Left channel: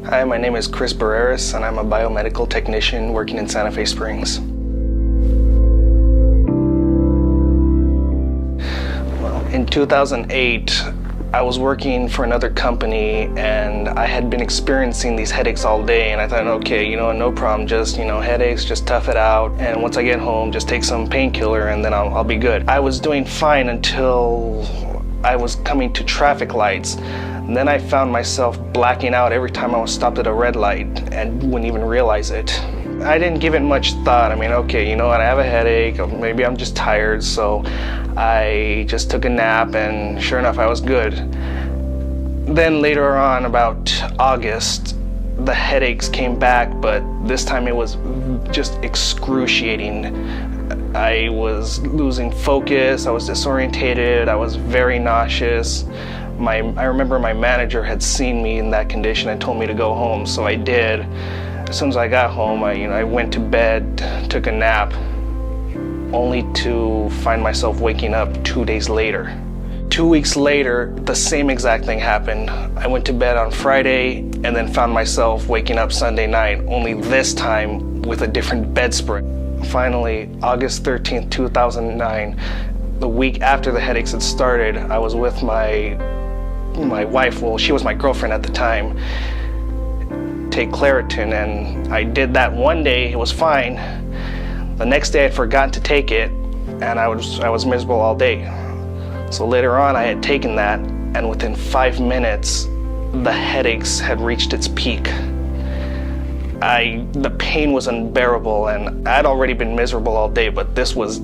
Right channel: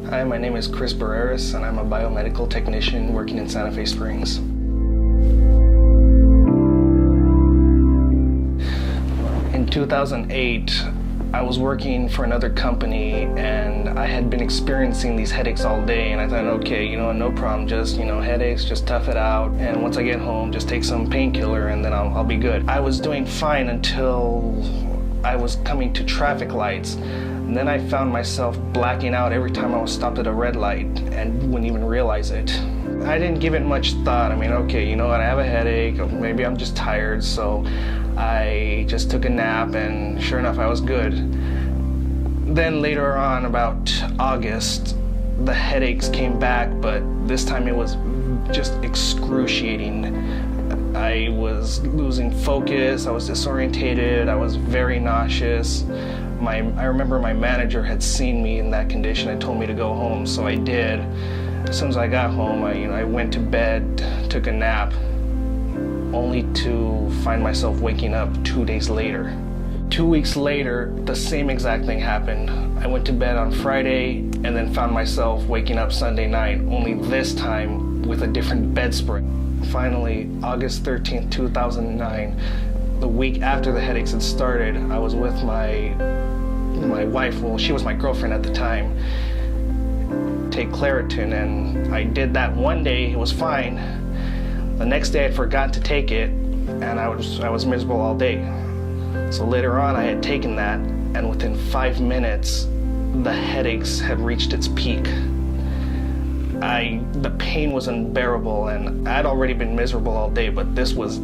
Hi, my name is Chris Barreras, and I'm a biomedical technician working in Santa Fe Springs. Well, in 2008, I was working for another company, and I had been experiencing these headaches all day, and I thought, okay, no problem, just, headaches, just tough it out, and once I get home, just take some painkiller, and then I'll be good. I was doing fine until I was coming to traffic lights. And then I found myself blacking out every time I was stopped at a red light and wouldn't even realize it. I didn't give it much thought. Okay, you know what, I have a headache, or maybe I'm just tired, so I just took a nap, and sure enough, I was good. Then later on, about August, the headaches came back, but this time it was just excruciating. I was losing focus, I was disorientated, I was very nauseous. I remember my manager had seen me in that condition and told me to go home, so I did. As soon as I got home, I went to bed, took a nap, only to find myself waking up 2 days later. 2 weeks later, the same exact thing happened. I went to bed on Friday and then found myself waking up Sunday night, only this time with a different bedspread. Finally, August 13th, 2009, the week after the headaches had started, I was with my wife, well, she was my girlfriend at the time, take Claritin, and I did that one day, it was fine. The next day I forgot to take it, and I was miserable all day. So later on I had taken that, and within 5 minutes, the headaches had reached its peak. The pain was unbearable, and I'd already been miserable all day, but this was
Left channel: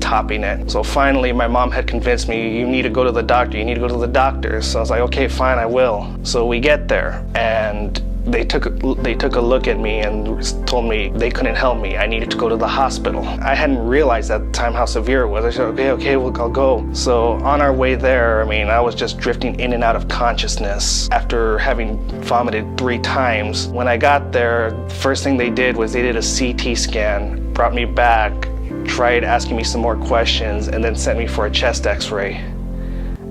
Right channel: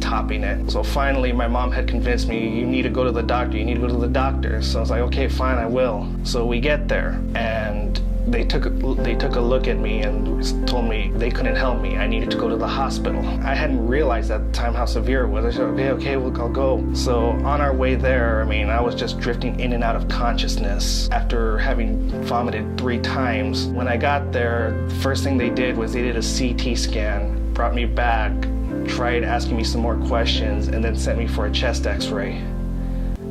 topping it. So finally, my mom had convinced me, you need to go to the doctor, So I was like, okay, fine, I will. So we get there, and they took a look at me and told me they couldn't help me. I needed to go to the hospital. I hadn't realized at the time how severe it was. I said, okay, well, I'll go. So on our way there, I was just drifting in and out of consciousness after having vomited 3 times. When I got there, the first thing they did was they did a CT scan, brought me back, tried asking me some more questions, and then sent me for a chest x-ray.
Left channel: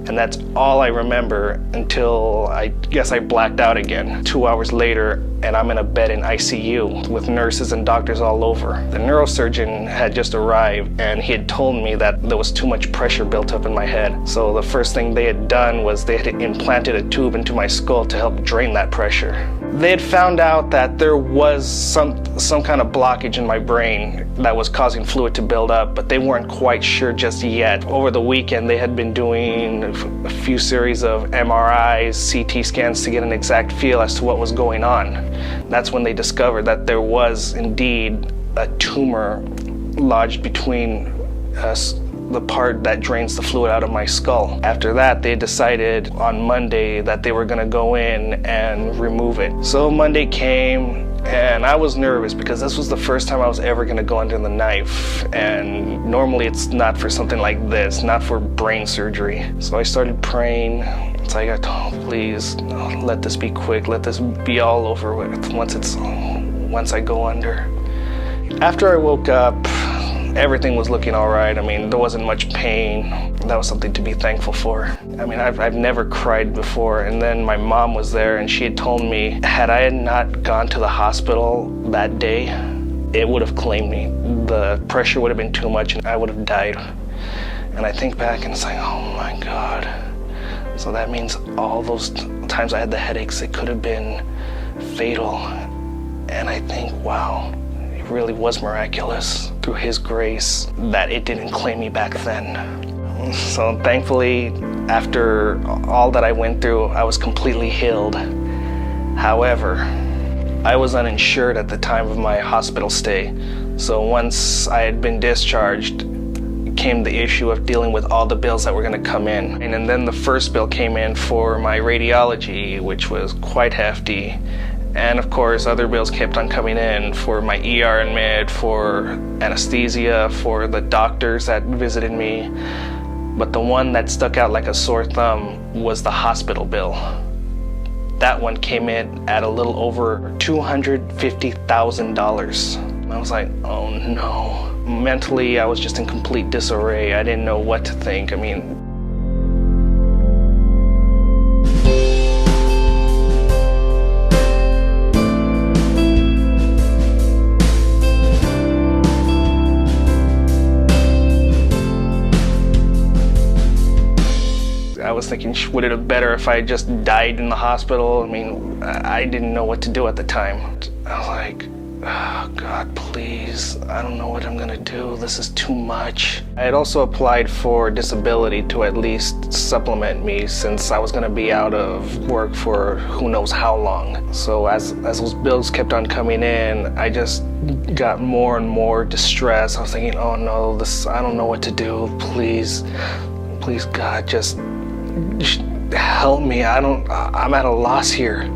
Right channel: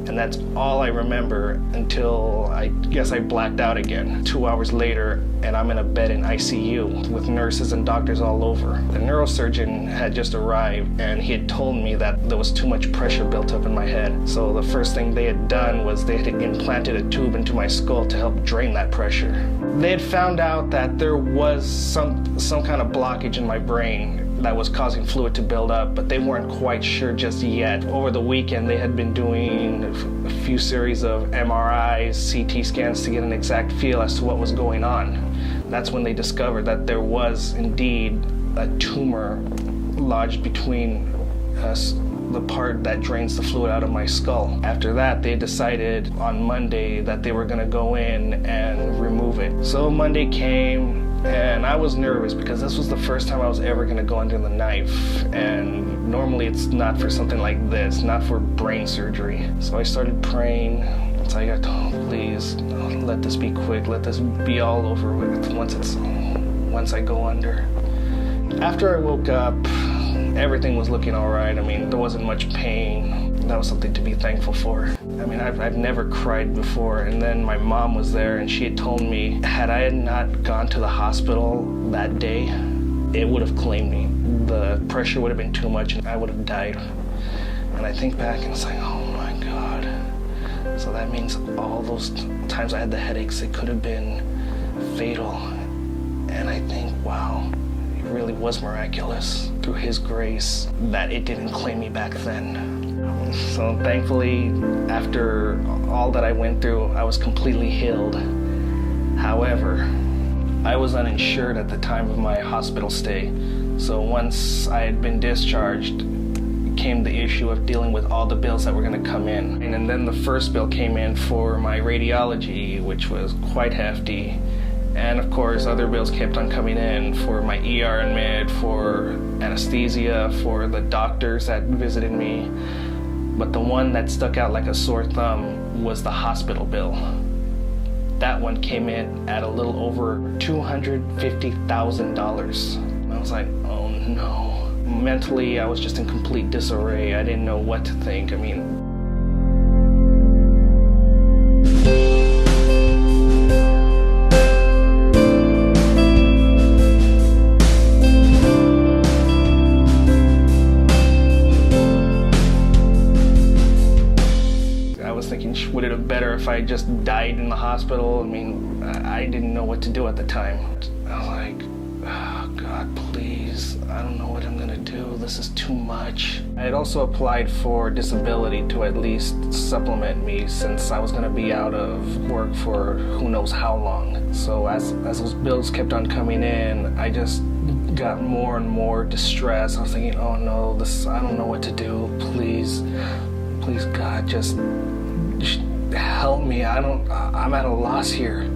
And that's all I remember until I guess I blacked out again. 2 hours later, and I'm in a bed in ICU with nurses and doctors all over. The neurosurgeon had just arrived, and he had told me that there was too much pressure built up in my head. So the first thing they had done was they had implanted a tube into my skull to help drain that pressure. They had found out that there was some kind of blockage in my brain that was causing fluid to build up, but they weren't quite sure just yet. Over the weekend, they had been doing a few series of MRIs, CT scans to get an exact feel as to what was going on. That's when they discovered that there was indeed a tumor lodged between the part that drains the fluid out of my skull. After that, they decided on Monday that they were gonna go in and remove it. So Monday came, and I was nervous because this was the first time I was ever gonna go under the knife. And normally it's not for something like this, not for brain surgery. So I started praying. It's like, oh, please, let this be quick. Let this be all over with once I go under. After I woke up, everything was looking all right. There wasn't much pain. That was something to be thankful for. I've never cried before, and then my mom was there, and she had told me, had I not gone to the hospital that day, it would have claimed me. The pressure would have been too much, and I would have died. And I think back, and it's like, oh my God. So that means all those times I had the headaches, it could have been fatal. And I think, wow, it really was miraculous through His grace that it didn't claim me back then. So thankfully, after all that I went through, I was completely healed. However, I was uninsured at the time of my hospital stay. So once I had been discharged, came the issue of dealing with all the bills that were going to come in. And then the first bill came in for my radiology, which was quite hefty. And of course, other bills kept on coming in for my ER admit, for anesthesia, for the doctors that visited me. But the one that stuck out like a sore thumb was the hospital bill. That one came in at a little over $250,000. And I was like, oh no. Mentally, I was just in complete disarray. I didn't know what to think. Would it have better if I just died in the hospital? I mean, I didn't know what to do at the time. I was like, oh God, please, I don't know what I'm gonna do. This is too much. I had also applied for disability to at least supplement me, since I was gonna be out of work for who knows how long. So as those bills kept on coming in, I just got more and more distressed. I was thinking, oh no, I don't know what to do. Please God, just help me. I'm at a loss here.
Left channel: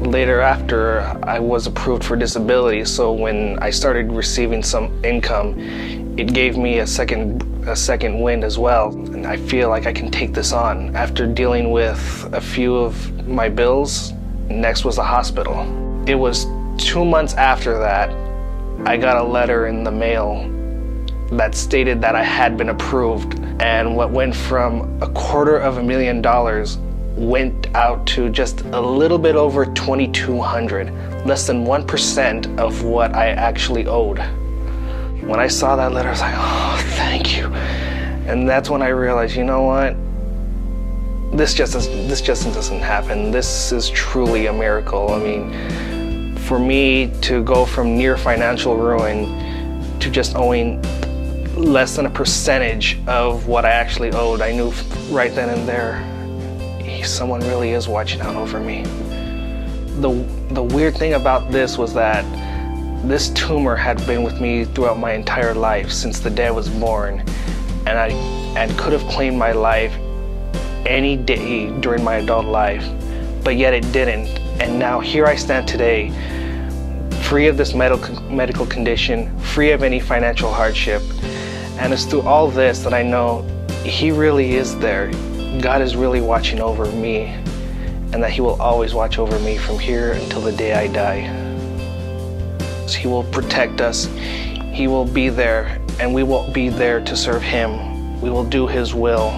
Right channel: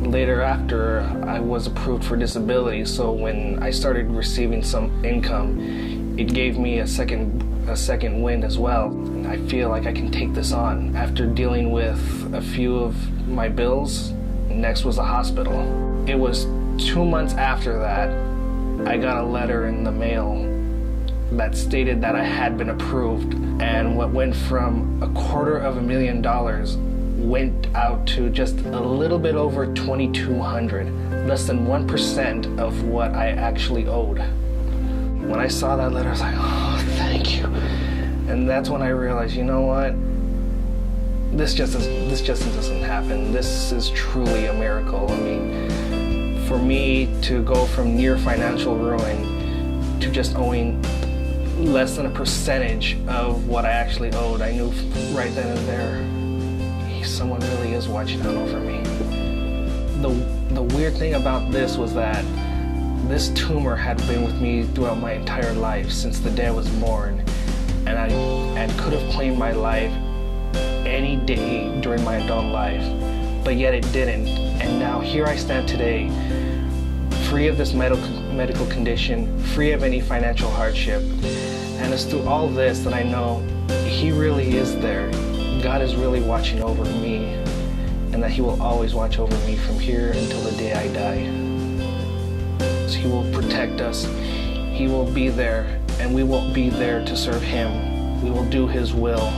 Later, after I was approved for disability, so when I started receiving some income, it gave me a second wind as well, and I feel like I can take this on. After dealing with a few of my bills, next was the hospital. It was 2 months after that, I got a letter in the mail that stated that I had been approved, and what went from $250,000 went out to just a little bit over $2,200, less than 1% of what I actually owed. When I saw that letter, I was like, oh, thank you. And that's when I realized, you know what? This just doesn't happen. This is truly a miracle. I mean, for me to go from near financial ruin to just owing less than a percentage of what I actually owed, I knew right then and there, someone really is watching out over me. The weird thing about this was that this tumor had been with me throughout my entire life, since the day I was born, and I could have claimed my life any day during my adult life, but yet it didn't. And now here I stand today, free of this medical condition, free of any financial hardship. And it's through all this that I know He really is there. God is really watching over me, and that He will always watch over me from here until the day I die. He will protect us. He will be there, and we will be there to serve Him. We will do His will.